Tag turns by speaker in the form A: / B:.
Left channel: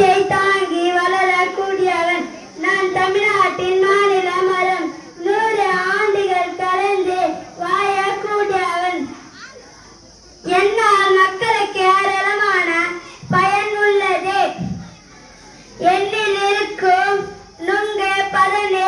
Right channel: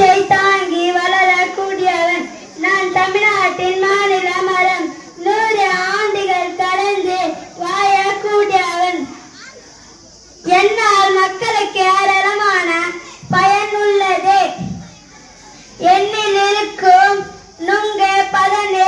A: தாங்கி வளரக்கூடியவன் நான் தமிழ்நாட்டின் மாநில மரம். நூறு ஆண்டுகள் கடந்து வாழக்கூடியவன். என்னால் மக்களுக்கு ஏராளமான பயன் உள்ளது. என்னில் இருக்கும் நுங்க பதனே